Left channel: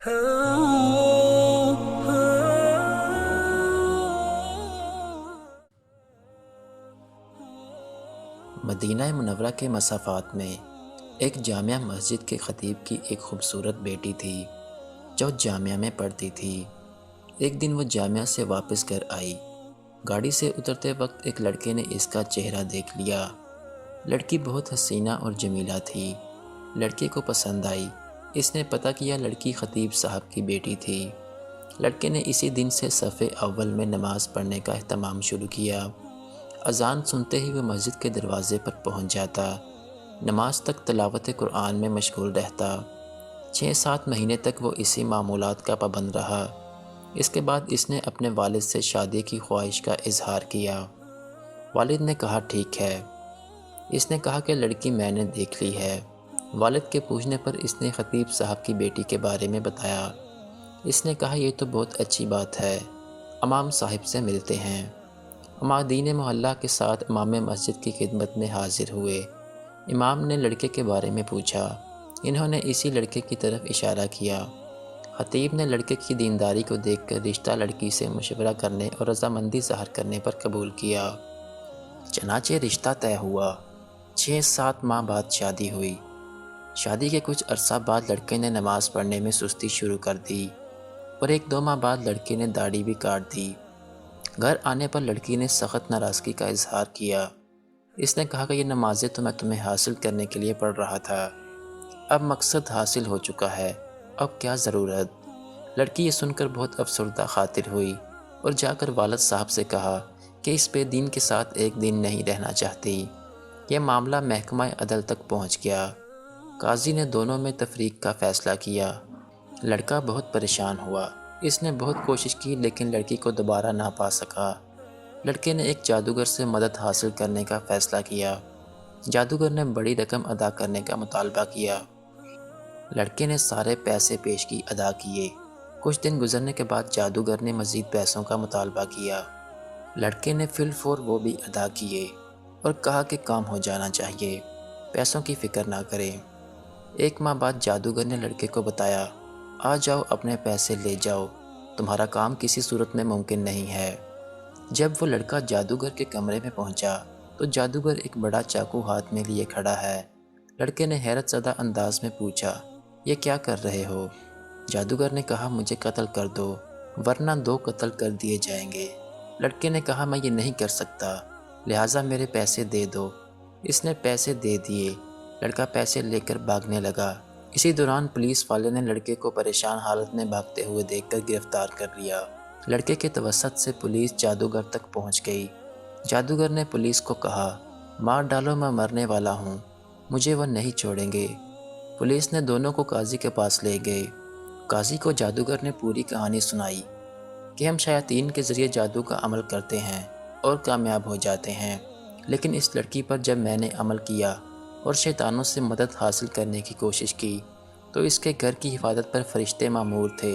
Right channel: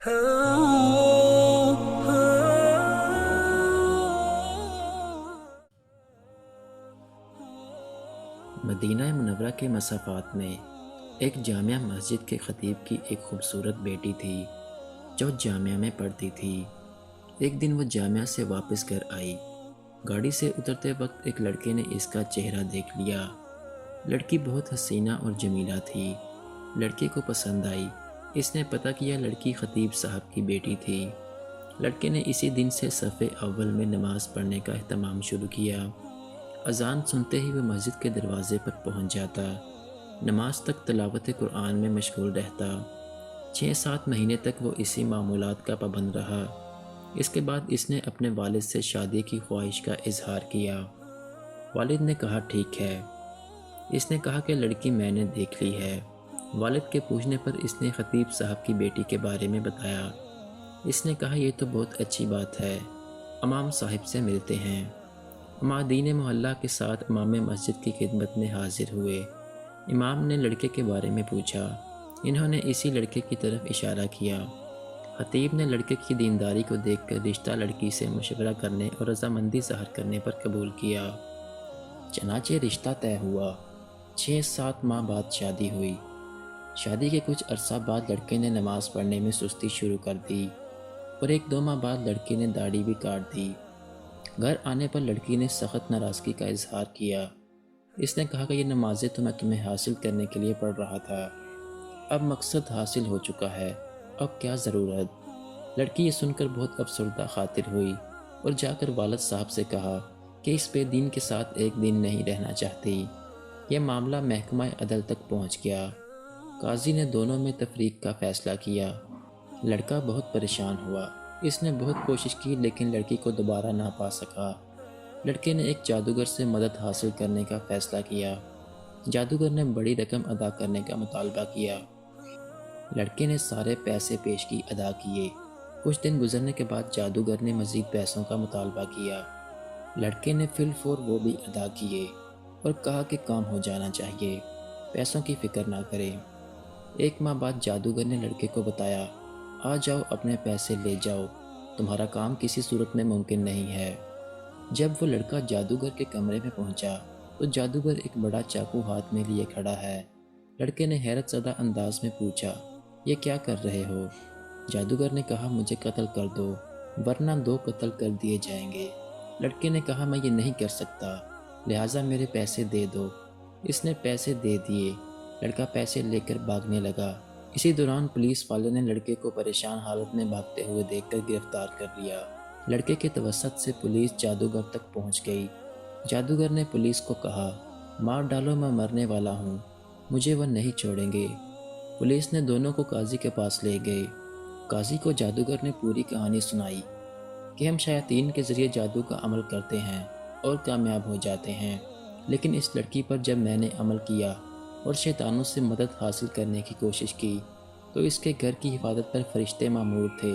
مدینہ منورہ کے مسافات میں ایک جامعہ مسجد کے خطیب کی ایک خوبصورت بیٹی تھی جو جامعہ میں پڑھتی تھی۔ ایک دن وہ جامعہ سے واپس گھر آئی۔ گاڑی سے اترتے وقت ایک لڑکے نے اس کا چہرہ دیکھ لیا۔ لڑکی بہت حسینہ اور جمیلہ تھی۔ لڑکے کو پسند آئی۔ اس نے پتہ کیا لڑکی خطیب صاحب کی بیٹی تھی۔ لڑکے نے اسی دن سے صف اول میں نماز پڑھنے کا اہتمام شروع کیا۔ اذان سنتے ہی وہ مسجد کے دروازے پر پہنچ جاتا۔ نماز تک تلاوت قرآن میں مشغول رہتا۔ 6-7 مہینے تک وہ اسی معمولات کا پابند رہا۔ اس کے بعد اس نے اپنے والد سے شادی کی خواہش کا اظہار کیا۔ والد نے کہا ٹھیک ہے۔ اس نے کہا کہ لڑکی میں نے دیکھ لی ہے۔ والد کے پوچھنے پر اس نے خطیب صاحب کی بیٹی کے بارے میں بتایا۔ اس نے کہا یہ تو بہت اچھی بات ہے، امام صاحب سے ملتے ہیں۔ عمادین محلہ کے ساتھ امام مسجد کی خدمت میں حاضر ہوئے۔ امام نے لڑکے کے بارے میں پوچھا۔ انہوں نے اسی لڑکے کی طرف اشارہ کیا۔ خطیب نے لڑکے کی دینداری کو دیکھ کر رشتہ لڑکی سے مشورہ کرنے اور رضامندی ظاہر کرنے پر قبول کیا۔ چنانچہ رشتہ طے ہوا۔ 6-7 ماہ بعد شادی ہوئی۔ شادی کے کچھ عرصہ بعد لڑکے نے نماز پڑھنے میں سستی شروع کر دی اور 1-2 ماہ بعد لڑکے نے داڑھی بھی کاٹ دی۔ گھر آنے پر لڑکی نے سخت ناراضگی کا اظہار کیا۔ اس نے کہا کہ یہ نمازیں تو میں تمہیں حاصل کرنے کے لیے پڑھ رہا تھا، اب مقصد حاصل ہو چکا ہے، اب کیا ضرورت؟ لڑکی یہ سن کر بہت افسردہ خاطر ہوئی اور جا کر والد صاحب سے کہا کہ اس بے دین کے ساتھ ایک دن نہیں رہنا چاہتی۔ یہ معاملہ محکمہ عدل تک پہنچ گیا۔ قاضی نے دونوں میں تفریق کا فیصلہ کیا۔ لڑکا بہت پریشان ہوا۔ اس نے بہت کوشش کی لیکن لڑکی کو دوبارہ نہ پا سکا۔ لڑکے نے ایک جادوگر سے مدد حاصل کرنے کا فیصلہ کیا۔ جادوگر نے بڑی رقم ادا کرنے کا مطالبہ کیا۔ لڑکے نے سارے پیسے پیشگی ادا کیے۔ کچھ دن گزرنے کے بعد جادوگر نے مزید پیسوں کا مطالبہ کیا۔ لڑکے نے فی الفور وہ بھی ادا کیے اور کہا کہ کام ہو جانا چاہیے، پیسوں کی فکر نہ کریں۔ 1 ماہ بعد جادوگر نے لڑکے کو بتایا، آ جاؤ اپنے پیسے لے جاؤ، تمہارا کام کسی صورت میں ممکن نہیں ہے۔ جب وہ لڑکا جادوگر کے کمرے میں پہنچا تو جادوگر ایک بڑا چاقو ہاتھ میں لیے کھڑا ہے۔ لڑکے نے حیرت زدہ انداز میں پوچھا، یہ کیا کر رہے ہو؟ جادوگر نے کہا مجھے قتل کر دو ورنہ 2 قتل کر دیے جائیں گے۔ لڑکے نے کہا میں یہ نہیں کر سکتا، لہٰذا میرے پیسے دے دو۔ اس نے پیسے دے دیے۔ لڑکا پیسے لے کر بھاگنے لگا۔ اسی دوران پولیس والے نے لڑکے کو پریشان حالت میں بھاگتے ہوئے دیکھ کر گرفتار کر لیا۔ لڑکے کے توسط سے پولیس جادوگر تک پہنچ گئی۔ جادوگر نے پولیس کو کہا، مار ڈالو میں مرنے والا ہوں، مجھے وہ نہیں چھوڑیں گے۔ پولیس نے دونوں کو قاضی کے پاس لے گئے۔ قاضی کو جادوگر نے پوری کہانی سنائی کہ ہم شیاطین کے ذریعے جادو کا عمل کرتے ہیں اور کامیاب ہو جاتے ہیں، لیکن اس لڑکی پر جب میں نے عمل کیا اور شیطانوں سے مدد حاصل کرنے کی کوشش کی تو اس کے گھر کی حفاظت پر فرشتے مامور تھے۔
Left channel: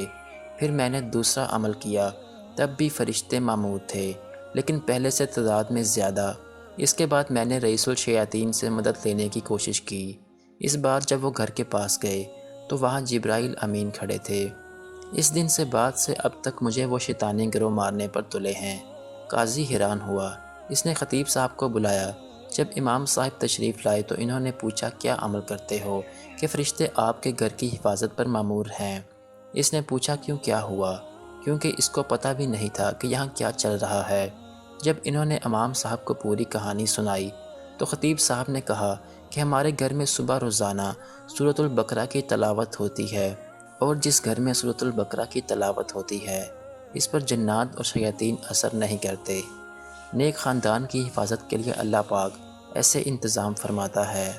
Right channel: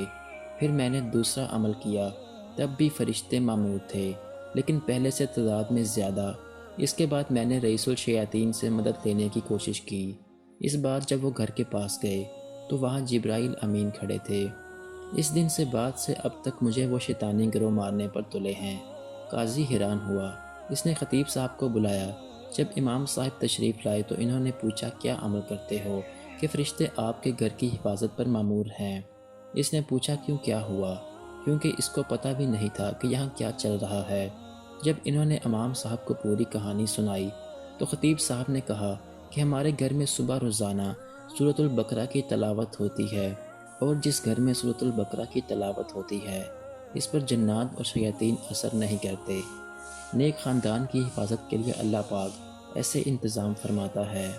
پھر میں نے دوسرا عمل کیا، تب بھی فرشتے مامور تھے، لیکن پہلے سے تعداد میں زیادہ۔ اس کے بعد میں نے رئیس الشیاطین سے مدد لینے کی کوشش کی۔ اس بار جب وہ گھر کے پاس گئے تو وہاں جبرائیل امین کھڑے تھے۔ اس دن سے بعد سے اب تک مجھے وہ شیطانی گروہ مارنے پر تلے ہیں۔ قاضی حیران ہوا۔ اس نے خطیب صاحب کو بلایا۔ جب امام صاحب تشریف لائے تو انہوں نے پوچھا کیا عمل کرتے ہو کہ فرشتے آپ کے گھر کی حفاظت پر مامور ہیں؟ اس نے پوچھا کیوں کیا ہوا، کیونکہ اس کو پتہ بھی نہیں تھا کہ یہاں کیا چل رہا ہے۔ جب انہوں نے امام صاحب کو پوری کہانی سنائی تو خطیب صاحب نے کہا کہ ہمارے گھر میں صبح روزانہ سورۃ البقرہ کی تلاوت ہوتی ہے، اور جس گھر میں سورۃ البقرہ کی تلاوت ہوتی ہے اس پر جنات اور شیاطین اثر نہیں کرتے۔ نیک خاندان کی حفاظت کے لیے اللہ پاک ایسے انتظام فرماتا ہے۔